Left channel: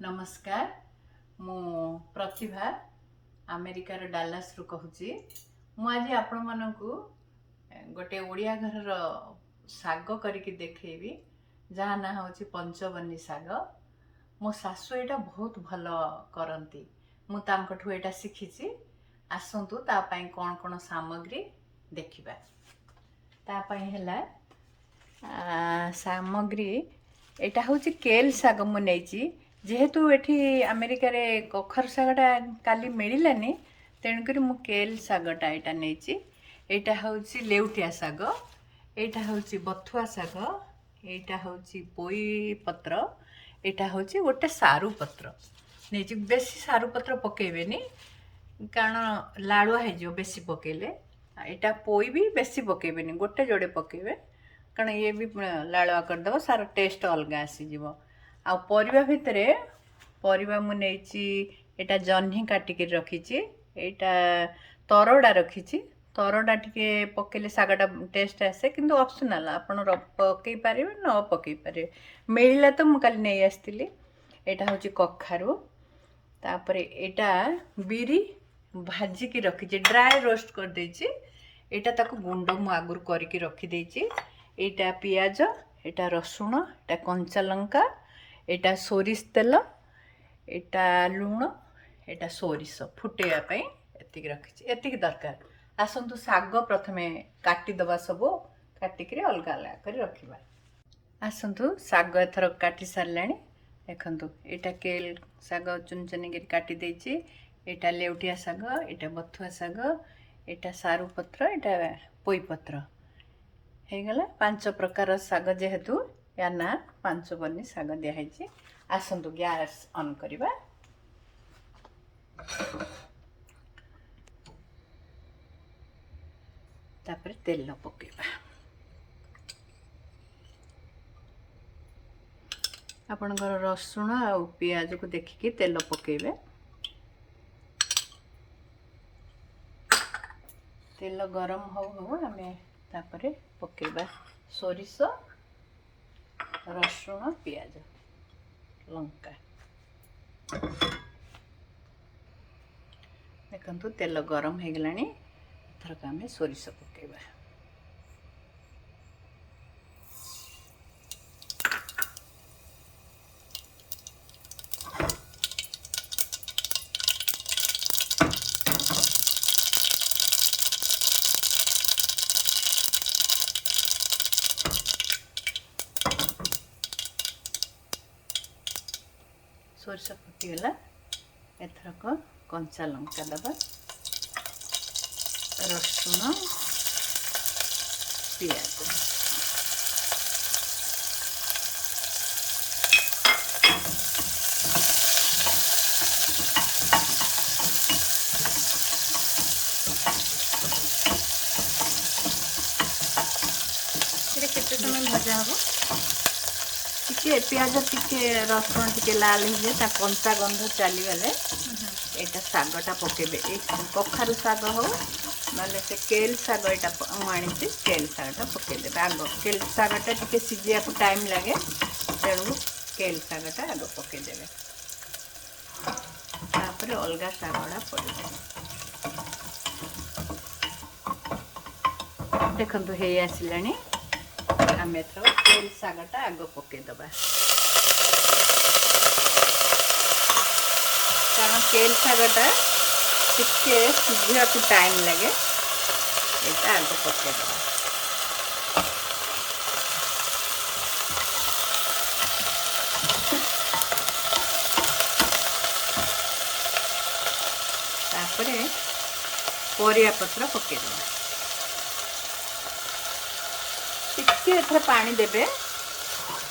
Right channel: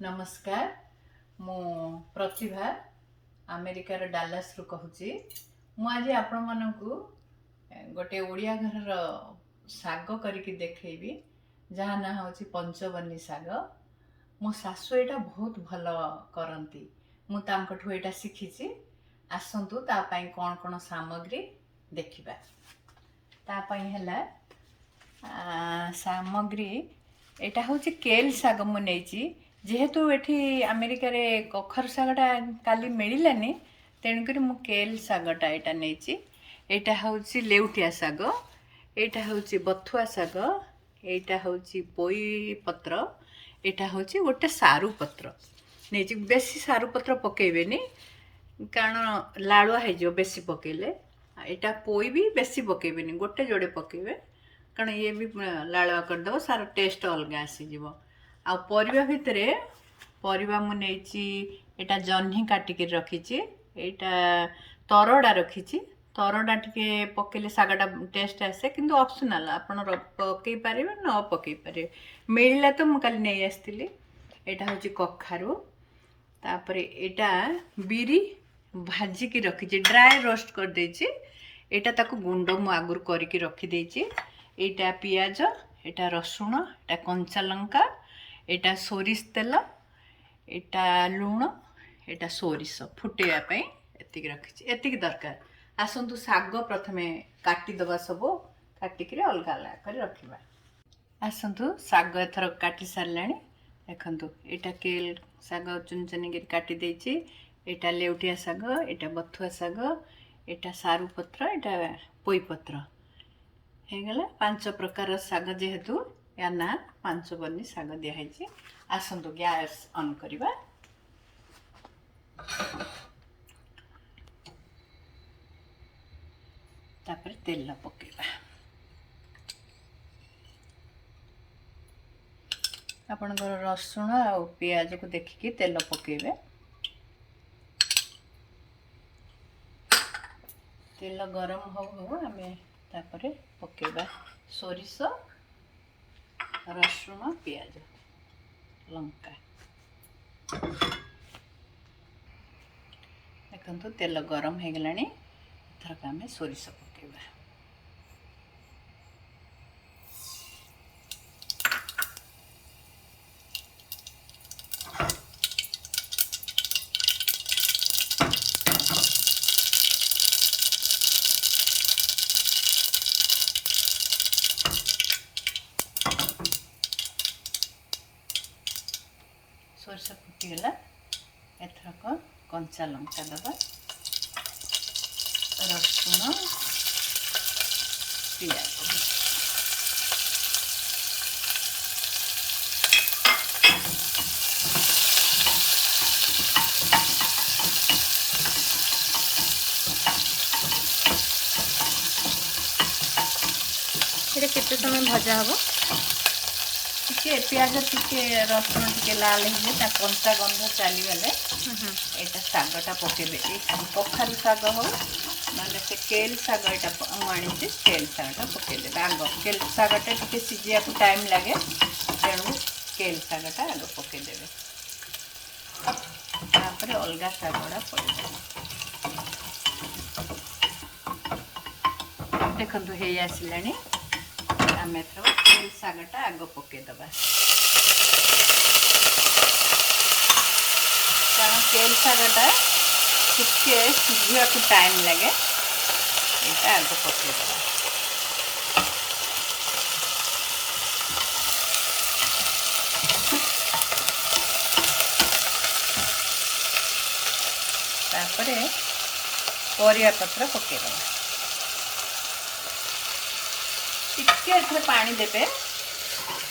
नमस्कार मु प्रतिभा अमेरिकार डालास रु कहूची मु आज आपण मानकु गोटे ओडिया घर साग करके देखैबी जहाँ ना होची पंचवनी साग। मो सासु एटा बहुत भल करती मु तांकठु एटा शिखिची। आसंतु ता पई कोन कोन सामग्री देखिबा। ता पई हला सामग्री एटा होची केल साग मु नेची जेहेतु एठी अमेरिका रे कखर सागटा काली मिलिलानी तेणुकरी मु केल सागटा एटा नेची। एटा होची लेउटिया साग, एटा होची बथुआ साग, एटा होची पोई पत्र, एटा होची गोटे सारू पत्र नेची। बेसी सारू पत्र पकेबेनी कारण लाड़ुआ है जो बेसी पकेले। एटा पोई भी बेसी पकेबेनी गोटे जोड़े पकेबे कारण ये भी लाड़ुआ करदेव सार टेस्ट अलग आसीज। आ परिबा भितरे परिबा मु नेची एटा जह्नी काटिकी रखीची, एटा तरड़ा रखीची। तरड़ा टिके पकेले सागटा टेस्ट आसे किंतु ऑप्शनल आपण पकई पारिबे न पकई पारिबे। मिलिला तो मु काली नै आस्तिली। एटा होची कखारू, तापरे एटा बिरी भाजिकी रखीची ड्राई रोस्ट कर देची। एटा ताको गुंड मु आगुर करके रखी देची। एटा पियाज, एटा रसुण, एटा कंचा लंका, एटा सोरिष तेल, एटा लुण, एटा सोरिष फुटेया पई एतिक रखीची। एतिक दरकार। आसंतु साग प्रथमे काटी दबा सबो काटिकरी अलगा अलगा कर रखिबा। आसंतु साग एथर काटी सारलाणी देखंतु। एटा केल साग चुन चुनी कर काटी देची। एटा लेउटिया साग, एटा बथुआ साग, एटा सारू पत्र, एटा पोई पत्र हे गला। पांच प्रकार साग जेहेतु या ना पंचवनी साग दिया है। आसंतु गैस ऑन करिबा। तापर तेल पकेबा। आपनकर रसुण और पियाज को देखिकी तेल पकेबे। तेल गरम हो हमें तापरे पकेबा सोरिष, रसुण, पियाज, लंका। देखंतु तेल गरम हो गलानी। थरक आम सोरिष पकेबा। सोरिष फुटीगला एथरक कंचा लंका दबा, रसुण, पियाज। केते समय भजा हम टिके पियाज टिके रसुण टिके लाल हो ता कंचा गंध चली गले एटा सागटा पकेबे। कखारू साग हो ना से केल साग एटा आनी केल सागटा पकेदे। आग केल सागटा टिके सिझिया को टाइम लगे तेणु केल सागटा आग पकेदेवे। तापर अलगा सागटा पड़े। देखंतु हे आसिलानी आमे तो केल सागटा आग पकेदबा कारण केल सागटा टिके सिझिया को टाइम लगे एटा आग पकेदबा। तापरे परिया पत्र पकेदबा। टिके एथरे पानी देबे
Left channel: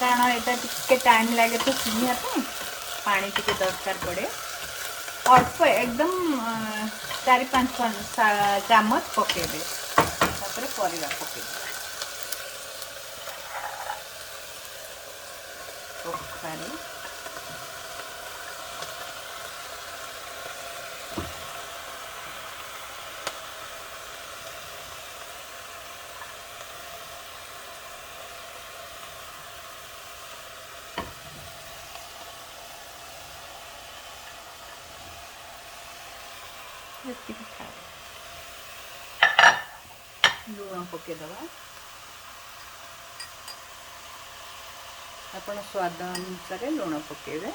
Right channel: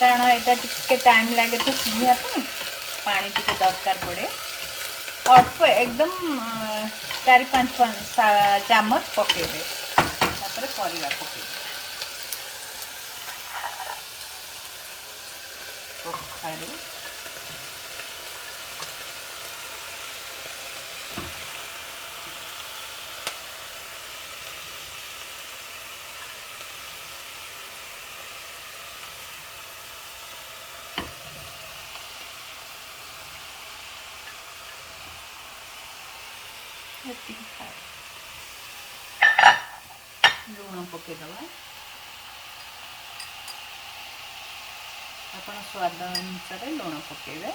कारण एटा टिके टाइम लगे तो सिझिया पानी टिके दरकार पड़े। अल्प एकदम 4-5 चामच पकेबे। तापरे परिया पकेबे। कखारू, ଯେତିକି ଖାଏ ଲୁଣ ପକାଇଦେବା। ଆପଣ ସ୍ୱାଦ ଅନୁସାରେ ଲୁଣ ପକାଇବେ।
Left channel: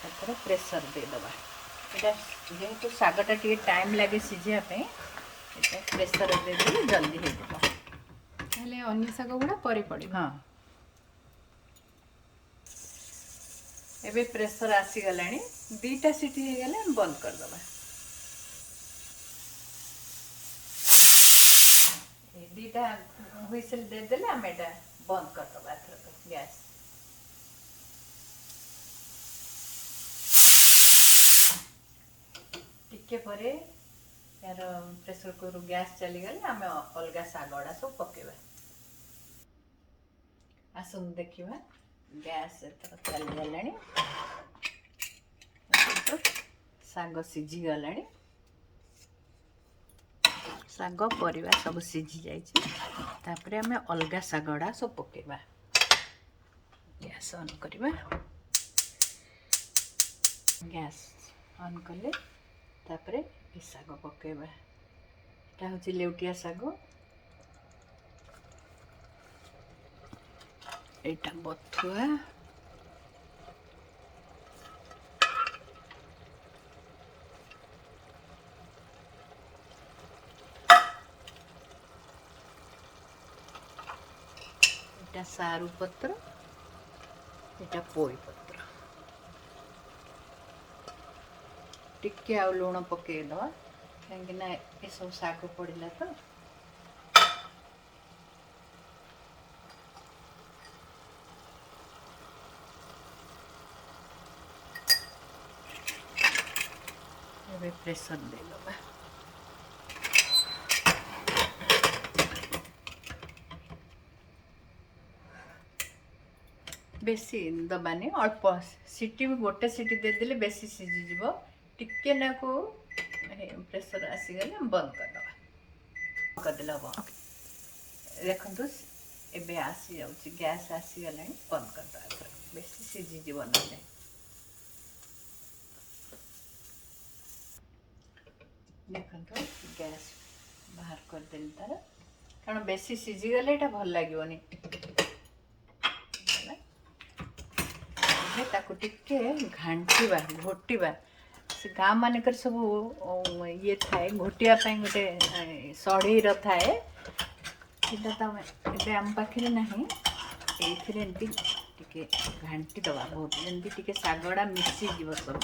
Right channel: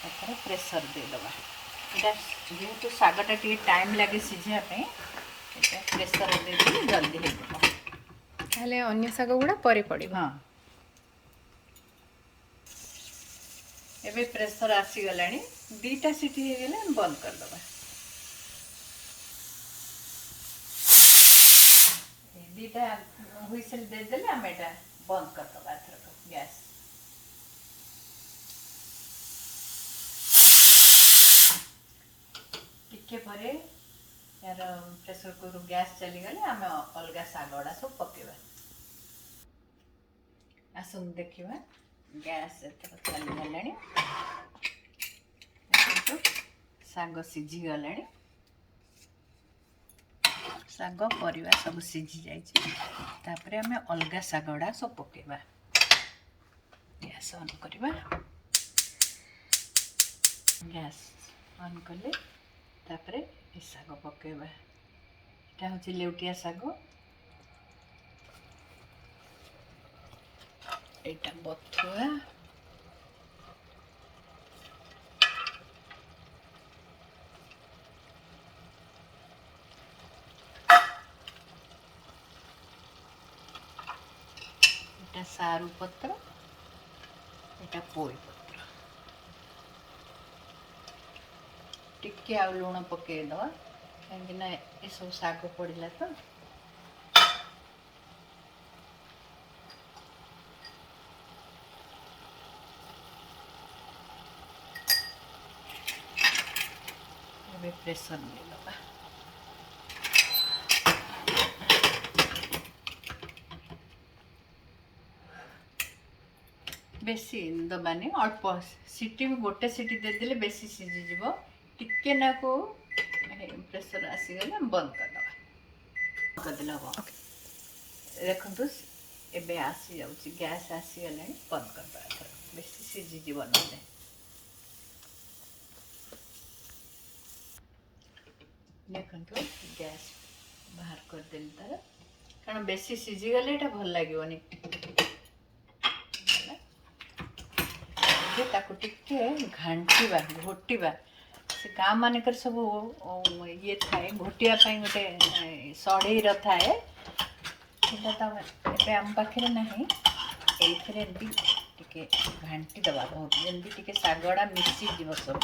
ତାପରେ ପ୍ରେସର ଦେଇଦେବା। ଏଇଟା ଯେହେତୁ ଶାଗଟା ଟିକେ ଟାଇମ୍ ଲାଗେ ସିଝିବା ପାଇଁ, ଏଇଟା ପ୍ରେସର ଦେଇଦେଲେ ଜଲ୍ଦି ହେଇଯିବ। ତାହେଲେ ଅନ୍ୟ ଶାଗ ଗୁଡ଼ା ପରେ ପଡ଼ିବ। ହଁ, ଏବେ ପ୍ରେସର ଆସିଗଲାଣି। 2ଟା ସିଟି ହେଇଗଲେ ଆମେ ବନ୍ଦ କରିଦେବା। এই 2ଟା হুইসেল ଦେଇଦେଲେ ଆମେ ଏଇଟା ବନ୍ଦ କରିଦେବା ଏଥରକ ଗ୍ୟାସ୍। ଟିକେ ପରେ यार प्रेसर कुकर गैस चलीगले आम अलग शाग गुड़ा सब पकेबा। आसन देखा गैस चलीगला शाग सीझी गला। शाग परिवा सब सीझी जापर आम अलग शाग गुड़ा सब पकेबा। गैस ऑन करवा। गैस ऑन कले तापरे ये शाग पकेबा। এটা হচ্ছে লেউটিয়া শাগ। এটা বথুয়া। এটা সারু পত্র। এটা পোল পত্র। टिके आ लुण पकेदवा कहीं ये सब शाग पड़ा तो। प्रेसर देदवा। बेसी दबानी अल्प सीटी गोटे सीटी देदेले बेसी सीझीज। टिके ना को प्रेसर आसीगले बंद करदे हम देखु एबे आसी जाउची गैस आसीगला बंद करदे। बेसी सीझीज ना देखु गैस बाहर करदेली तार कारण बेसी सीझीगले ये भल लगे ताको टिके घांटा घोटा से गाँ मानकर सब ये थाए घोटिया गोटे सड़ई थाए तो ये आम पाखे ना ये घांटी दबा बहुत जमी शागड़ा मिसीज सब।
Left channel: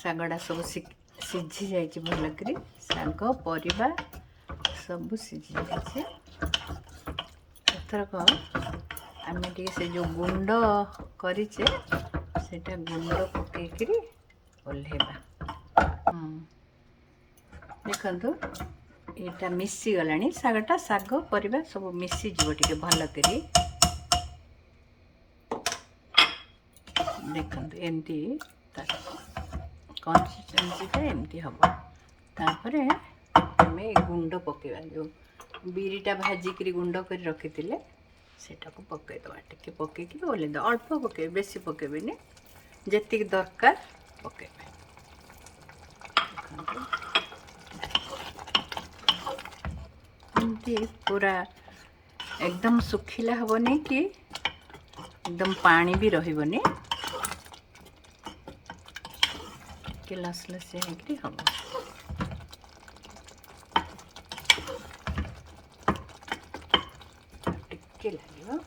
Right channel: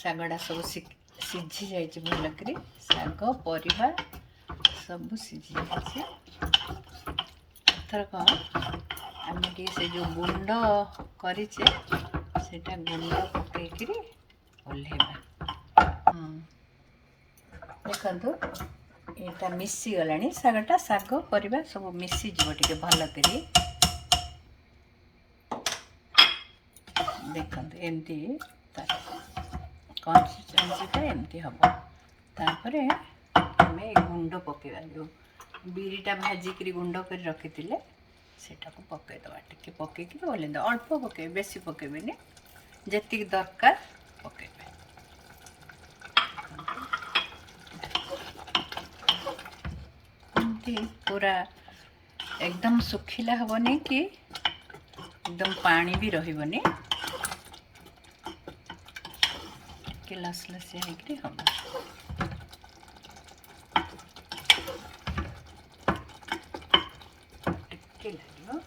शागड़ा सब सीझी जाइए भलक शाग परिवा सब सीझी जाइए। एथरक आम से जो गुंड करें सेटा गुंड पकईकरी ओल्हेबा। देखु यहाँ मिसी गला शागटा शाग परिवा सब मिसीज टे भलक। देखु एमती कंसिस्टेंसीटा एमती हम तापर आम गुंड पकेबा जो बिरीटा भाजिक गुंड कर रखी सेटा को पकईदवा। टिके पकईकि ओल्हेद अल्प पके बेसी पकेबेनी जी दरकार पकेबे। एमती पूरा एकदम सुखिला हेनी कि एकदम पानी भी रही लसलसिया होकर हम टिके लगे।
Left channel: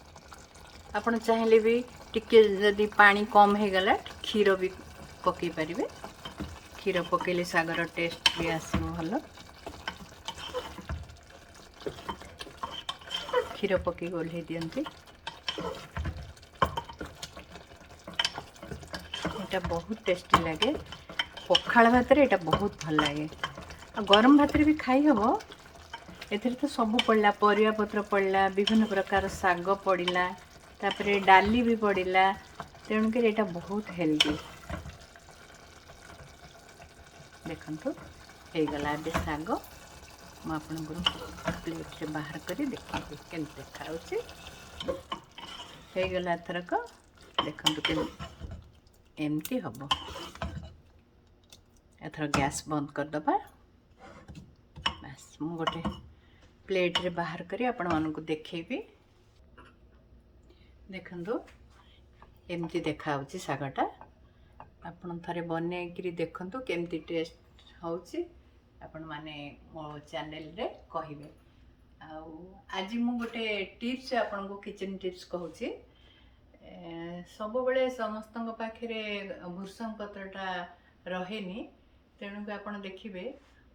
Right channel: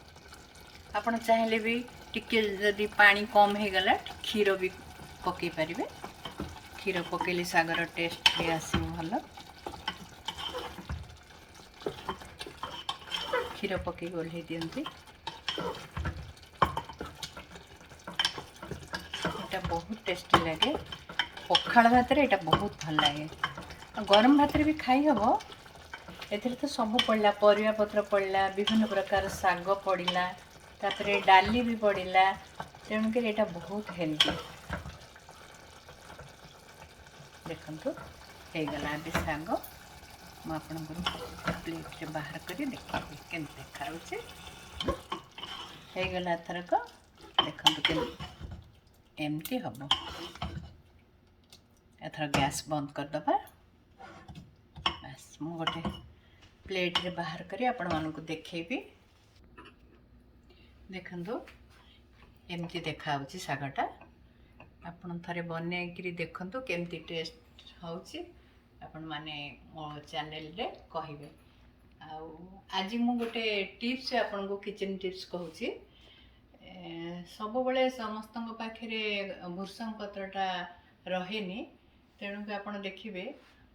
आपड़ चाहिए भी टिके जदि पानी कम हो गला क्षीर भी पकई पारे। क्षीर पकेले शागर टेस्ट भी आसो भल। क्षीर पकई ओल्हे दियंती। এটা बहुत टेस्टी लगे। पखाड़ भात रे एटा बहुत भल लगे। गरम भात रे भी खाई हम। एथिरे तो सब पड़ला, परिया पत्र पड़ला, विभिन्न प्रकार शाग पड़ला, तापरे डाली भी पड़ला, तेणुक एटा बहुत हेल्दी। देखंतु हे गला ए शाग मु आपनको प्लेट रे बाहर करी देखिए केमती देखा होचे। हे गला एथरक देखंतु केमती एमती हबो। एथर गैस बंद कर दबा। बस मु गोटे प्लेट रे बाहर करी आपण मानकु देखैबी। देखंतु एमती देखा होची सागटा। आपण थरे बनेइकरी देखंतु केमती टेस्ट होची। आपण माने मो चैनल रे कहिबे। आउ आज मु गोटे टिप्स आपनको किचन टिप्स कहूची। सब बेले समस्तଙ୍କ पाखरे भृषंग पत्रटा रहेनी, तेणुक आपण देखिबे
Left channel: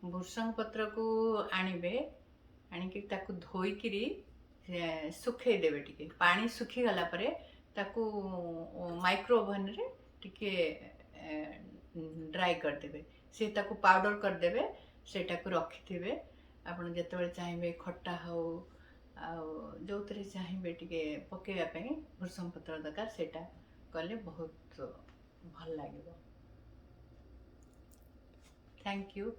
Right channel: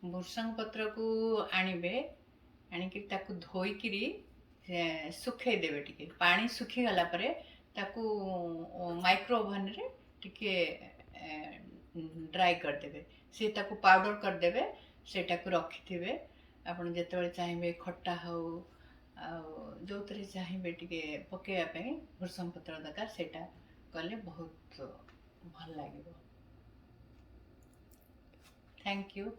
भृषंग पत्र को आनिबे, आनिकी ताकू धोईकिरी सुखै देबे। टिके पानी सुखी गला परे ताकू माइक्रो ओवन रे टिके ड्राई कर देबे। से ताकू पाउडर कर देबे, सेटाकू रखिथिबे। आपण जेतेबेले चाहिबे खट्टा हो जो चाहिए टिके पकेया ପାଇଁ भृषंग पत्र दरकार, सेटा कले बहुत भल लागिबो। Thank you.